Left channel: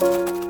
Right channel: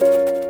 you